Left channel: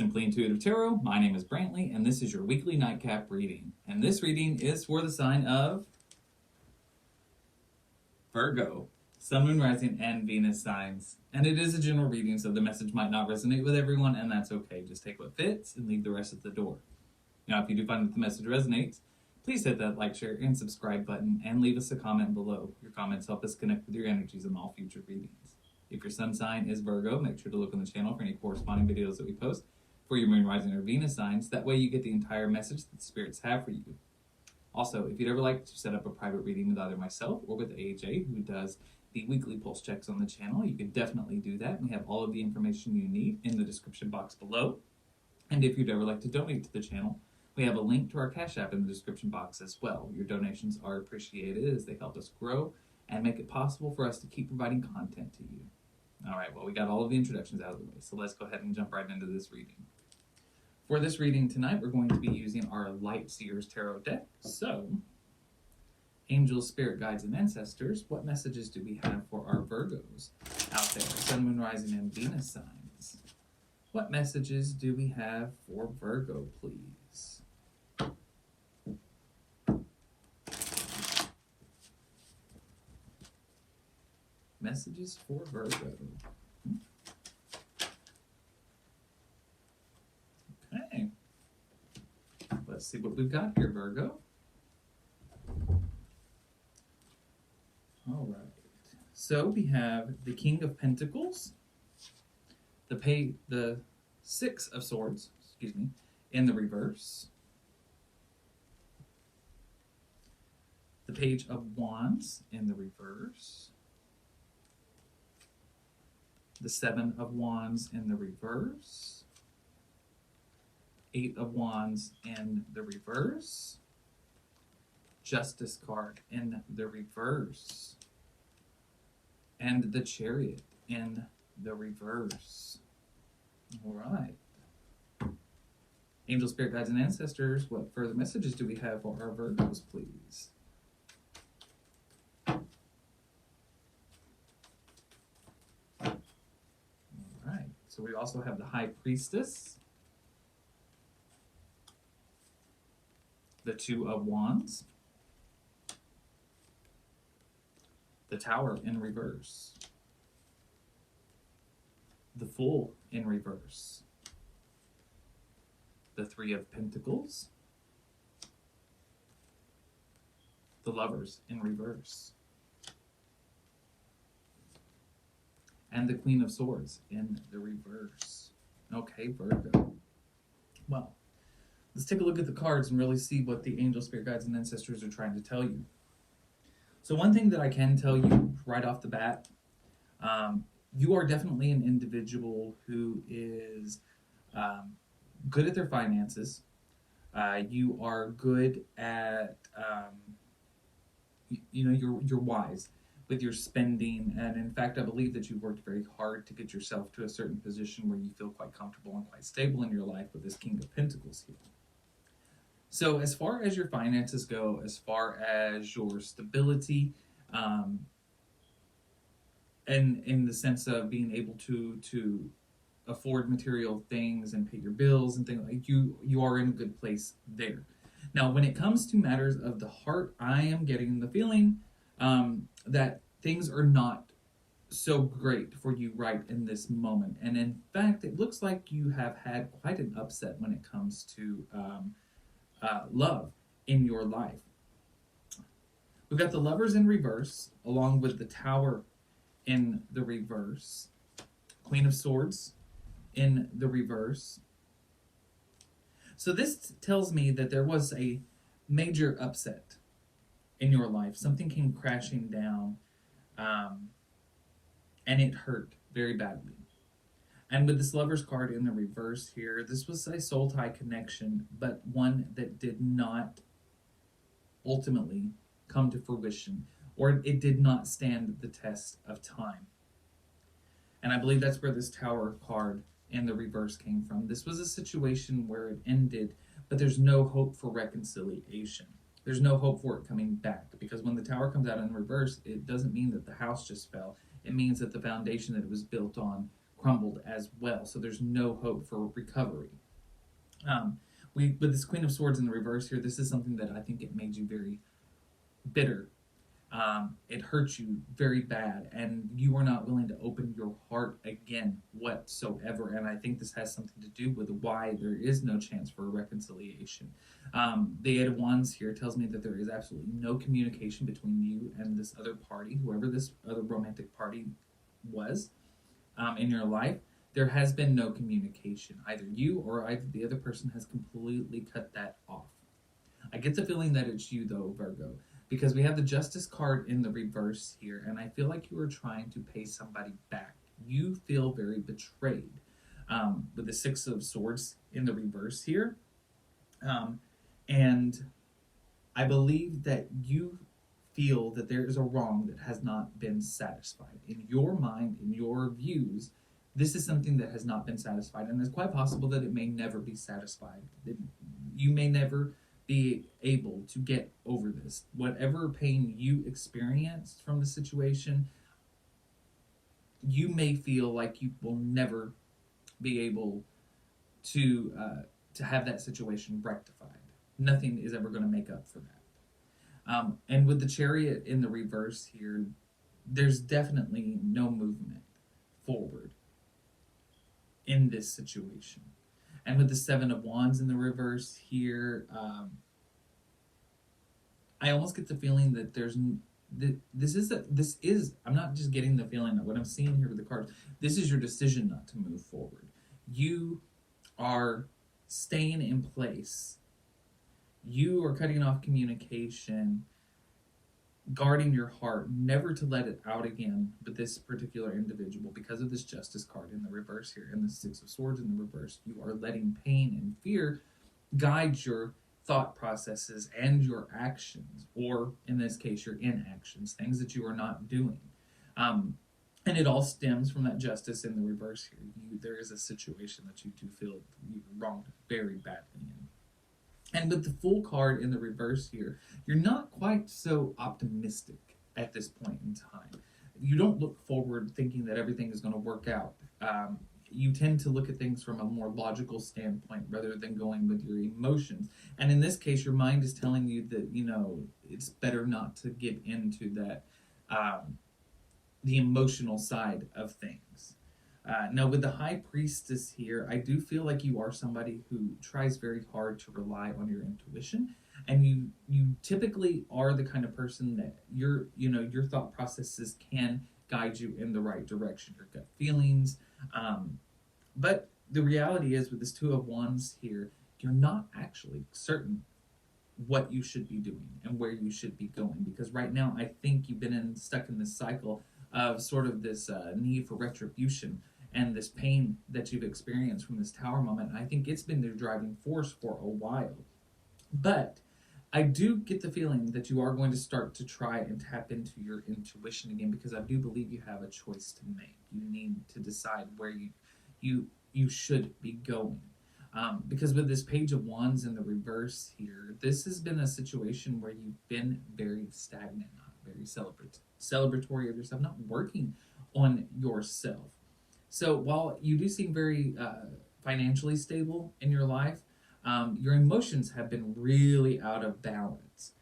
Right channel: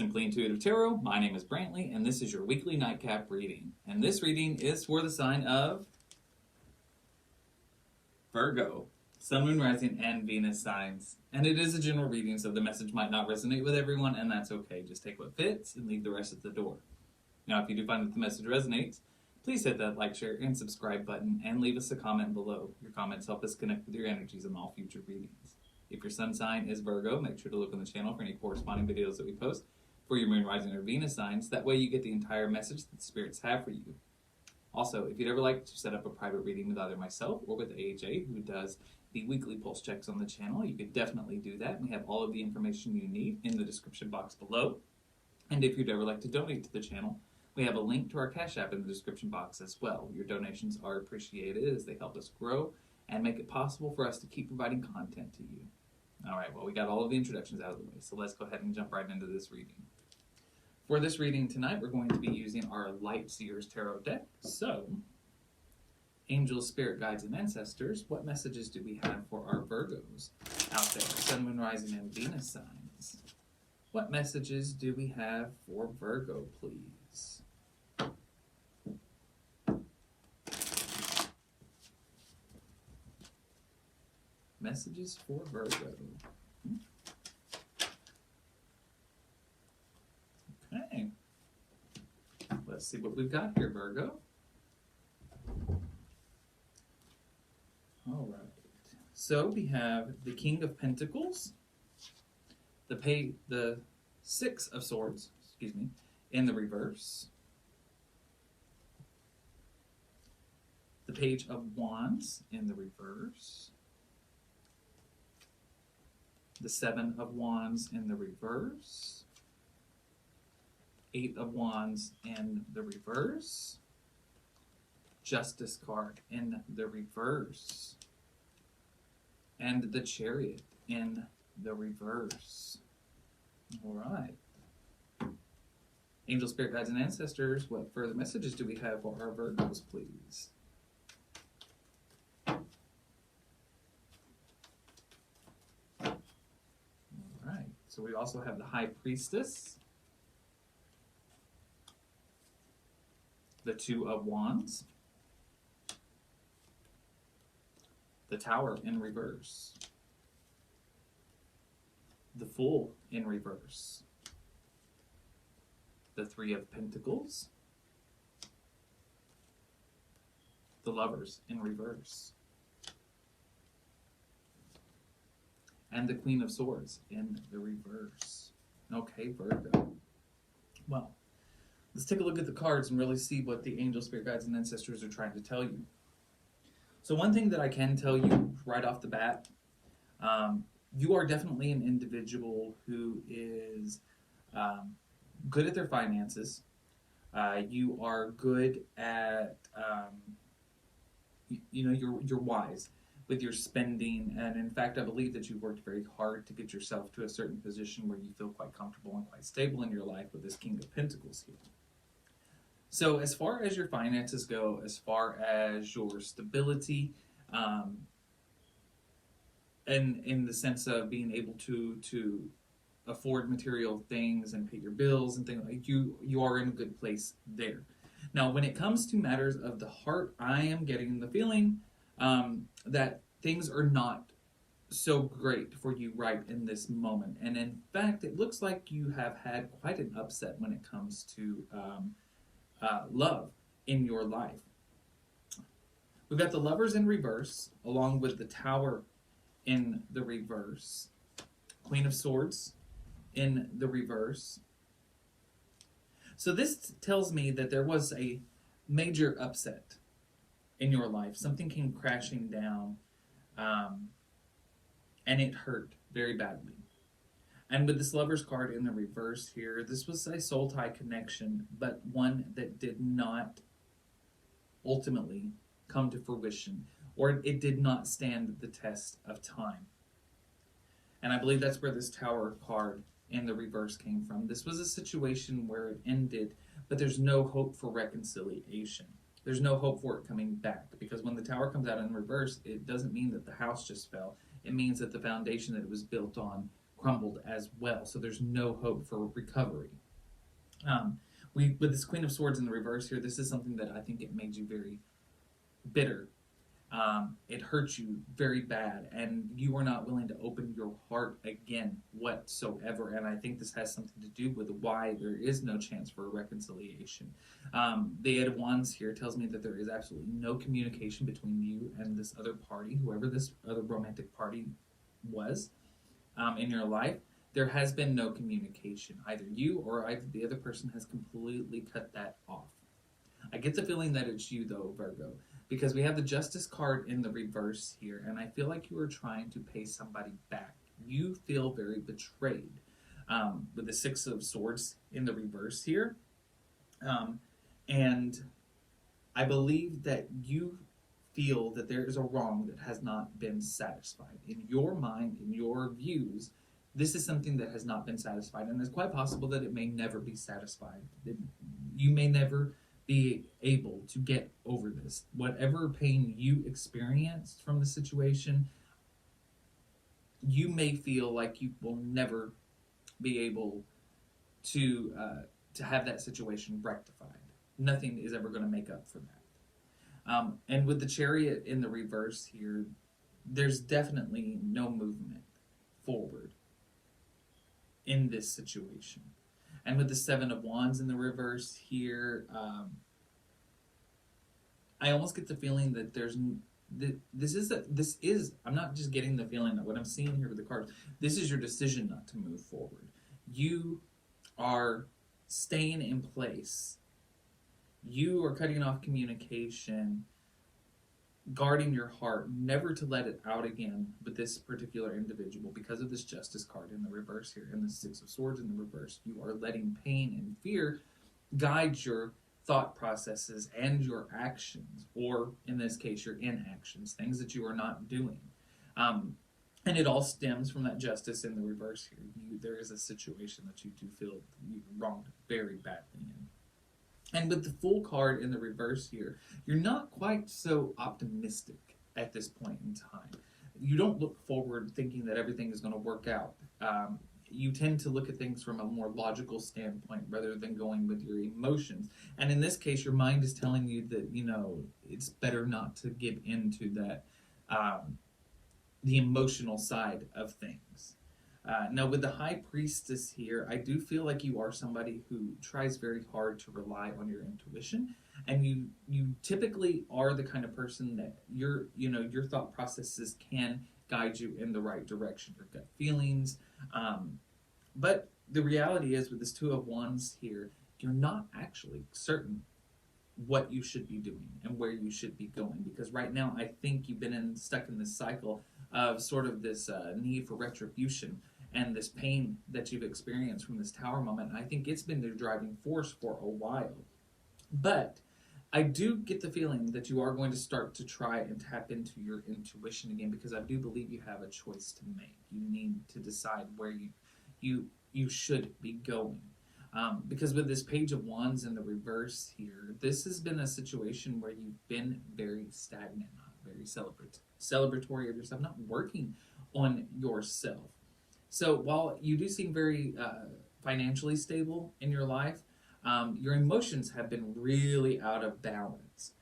Simply Intuitive Tarot. My name is Brantley, and this is your weekly nightcap reading. And this reading is for the sign of Virgo, Sun, Moon, Rising, and Venus signs. And it is a general reading, so the message might not resonate with everyone, and that's okay. Just take what fits and leave the rest at the door. Now, if you do find that the message resonates, please hit that like, share, and subscribe button, and leave us a comment below. Your comments help us connect with your energies in all future readings. If your sun sign is Virgo, make sure to look on the channel for any corresponding videos that we post for your moon, rising, or Venus signs. That way you get the entire message that the spirits have for you. Also, if you'd ever like to set up a private reading with either myself or with AJ, who does the weekly pulse checks on the channel, you can definitely do that. We have all of the information you need in the description box below. And if you'd ever like to donate to the channel, we have a link to our Cash App in the description box as well. Your donations are appreciated as they help us grow and make it possible for us to keep providing content to you. All right, well, we got all of the introductions out of the way, so let's go ahead and jump right into this reading. For this reading tonight, we're going to be using our Light Seers Tarot deck. So, angels, spirit guides, and ancestors, what messages do we have for our Virgos out there? Sun, Moon, Rising, and Venus signs. What messages do we have for Virgo, please? Messages for Virgo. Okay. Let's see what we've got here, Virgo. All right. So we have the King of Pentacles, the Six of Swords, in the reverse. The Page of Wands in the reverse. The Seven of Wands in the reverse. Eight of Wands in the reverse. Justice card in the reverse. And the Chariot in the reverse. All right. Angel, spirit guides, and ancestors, what further messages do we have for our Virgos, please? So we also have the High Priestess, the Two of Wands, the Tower in reverse, the Fool in reverse, the Three of Pentacles, the Lovers in reverse, and the Queen of Swords in the reverse. Okay, Virgo. Well, let's take a look at the cards and really see what the angel, spirit guides, and ancestors are trying to tell you. So one thing that I can tell you right off the bat, you are definitely an individual who is good at their finances. You are good at, you're wise with your spending, and in fact, I believe that you've worked very hard to get yourself to a certain position where you feel quite comfortable and quite stable in your life with this King of Pentacles here. So as far as your finances go, as far as your stability, and in the sense of being able to afford material things and pay your bills and things like you are in a good place there. Now, when it comes to matters of the heart, I am getting the feeling that things are not so great for you right in this moment. And in fact, it looks like you have had quite an upset when it comes to love in your life. We've got the Lovers in reverse, along with the Tower in the reverse, Queen of Swords in the reverse. So this tells me that there was a major upset in your life. Something came crashing down, and it hurt very badly. And with this Lover's card in the reverse here, this was a soul tie connection, but one that did not ultimately come to fruition, or it did not stand the test of time. And I believe that's where this Tower card in the reverse came from. This was a situation where it ended, but there's no hope for reconciliation. There's no hope for it coming back, because when the Tower comes out in reverse, it doesn't mean that the house just fell. It means that the foundation that it was built on crumbled as well. So there's no hope for recovery. With this Queen of Swords in the reverse here, this is something that I think it made you very bitter. It hurt you very bad, and you are not willing to open your heart again whatsoever. And I think this has something to do with why there is no chance for a reconciliation. The Eight of Wands here tells me that there is absolutely no communication between you and this other party, whoever this other romantic party was in your life. There has been no communication. Either you or either the other person has completely cut that off. I get the feeling that it's you, though, Virgo, because we have the Justice card in the reverse here, and I feel like you are trying to pay somebody back. You feel very betrayed with the Six of Swords in the reverse here. And I believe that you feel that there is a wrong that has not been satisfied. In your mind, in your views, this is something that has not been satisfied, and it's quite possible that it may never be satisfied. You may never be able to get over this. Whatever pain you experienced from the situation, you may feel like you will never be able to have that situation rectified. Nothing is ever going to make up for that. And with the Chariot in the reverse here, there's definitely no movement forward in this situation. And with the Seven of Wands in the reverse here, I almost get the feeling that this is, I'm not just getting the feeling that what I'm seeing here with the cards, this is your decision not to move forward. You are staying in place. You are cutting off communication, guarding your heart, never to let it out again with this particular individual because of this Justice card in the reverse here and the Six of Swords in the reverse. You are letting pain and fear guide your thought processes and your actions, or in this case, your inactions, things that you are not doing. And it all stems from that Justice in the reverse here. There is a situation that you do feel you wronged very badly in. And with the Fool card in the reverse here, you're not quite so optimistic at this point in time. You don't look forward thinking that everything is going to work out. You tend to look at things from a more logical standpoint rather than going with your emotions. And in this case, your mind is telling you that, it's better not to get into that, the emotional side of things. Now, with the High Priestess here, I do feel like you are somebody who tries very hard to rely on your intuition, and you typically are the kind of person that your thought processes can guide you in the right direction, your gut feelings. But the reality is, with this Two of Wands here, you're not actually certain what you should be doing and where you should be going, because right now I think you've been stuck in this cycle of sort of this need for retribution and this pain that you've experienced from this Tower moment. I think it's been the driving force for a while. But I do get the feeling that you are going to start to try and tap into your intuition again, because I do believe you have a choice to make. You need to decide where you should be going. Because with this Page of Wands in the reverse here, this has been a situation where you've been very stagnant, not very celebratory of yourself, not working on yourself. So while you do seem very financially stable in your life, your emotions have been really out of balance.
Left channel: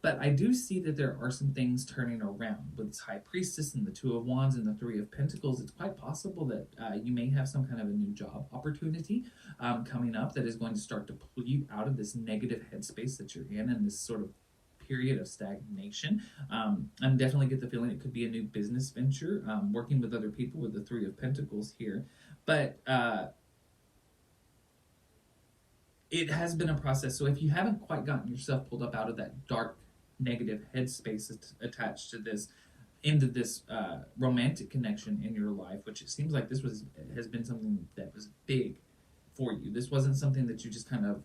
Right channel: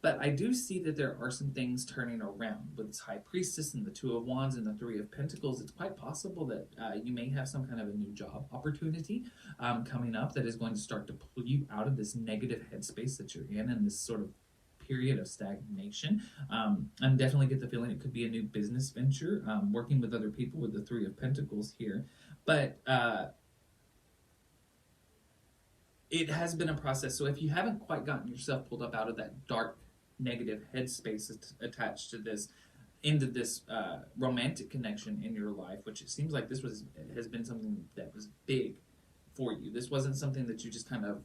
But I do see that there are some things turning around. With this High Priestess and the Two of Wands and the Three of Pentacles, it's quite possible that you may have some kind of a new job opportunity coming up that is going to start to pull you out of this negative headspace that you're in and this sort of period of stagnation. I definitely get the feeling it could be a new business venture, working with other people with the Three of Pentacles here. But it has been a process. So if you haven't quite gotten yourself pulled up out of that dark, negative headspace attached to this, into this romantic connection in your life, which it seems like this has been something that was big for you. This wasn't something that you just kind of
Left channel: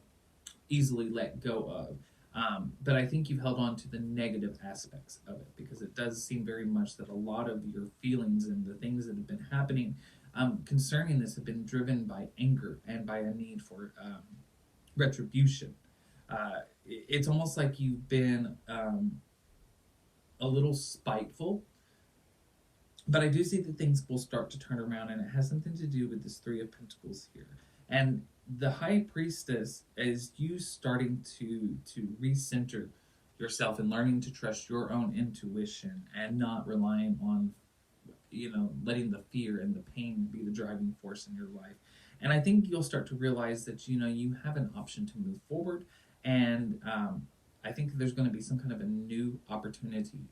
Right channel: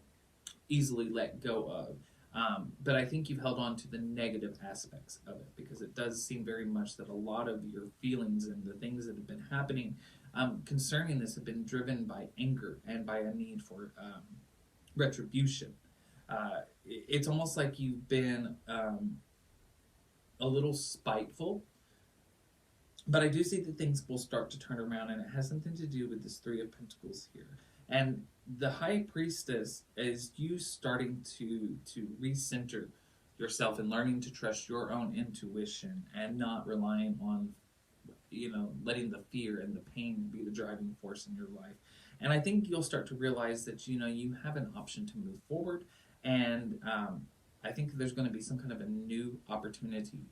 easily let go of. But I think you've held on to the negative aspects of it, because it does seem very much that a lot of your feelings and the things that have been happening concerning this have been driven by anger and by a need for retribution. It's almost like you've been a little spiteful But I do see that things will start to turn around, and it has something to do with this Three of Pentacles here. And the High Priestess is you starting to recenter yourself and learning to trust your own intuition and not relying on, letting the fear and the pain be the driving force in your life. And I think you'll start to realize that, you have an option to move forward. And I think there's going to be some kind of a new opportunity,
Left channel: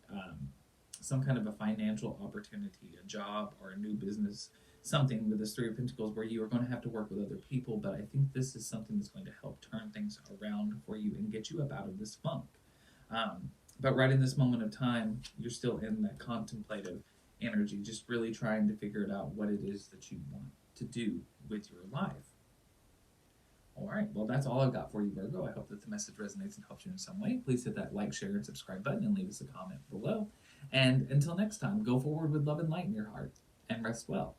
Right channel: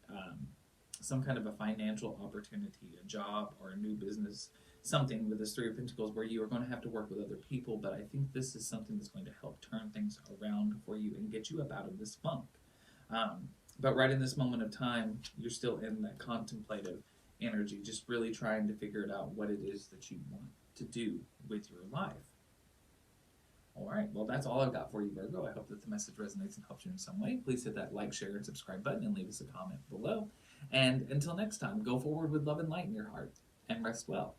some kind of a financial opportunity, a job or a new business, something with this Three of Pentacles where you are going to have to work with other people. But I think this is something that's going to help turn things around for you and get you up out of this funk. But right in this moment of time, you're still in that contemplative energy, just really trying to figure it out what it is that you want to do with your life. All right, well, that's all I've got for you, Virgo. I hope that the message resonates and helps you in some way. Please hit that like, share, and subscribe button and leave us a comment below. And until next time, go forward with love and light in your heart, and rest well.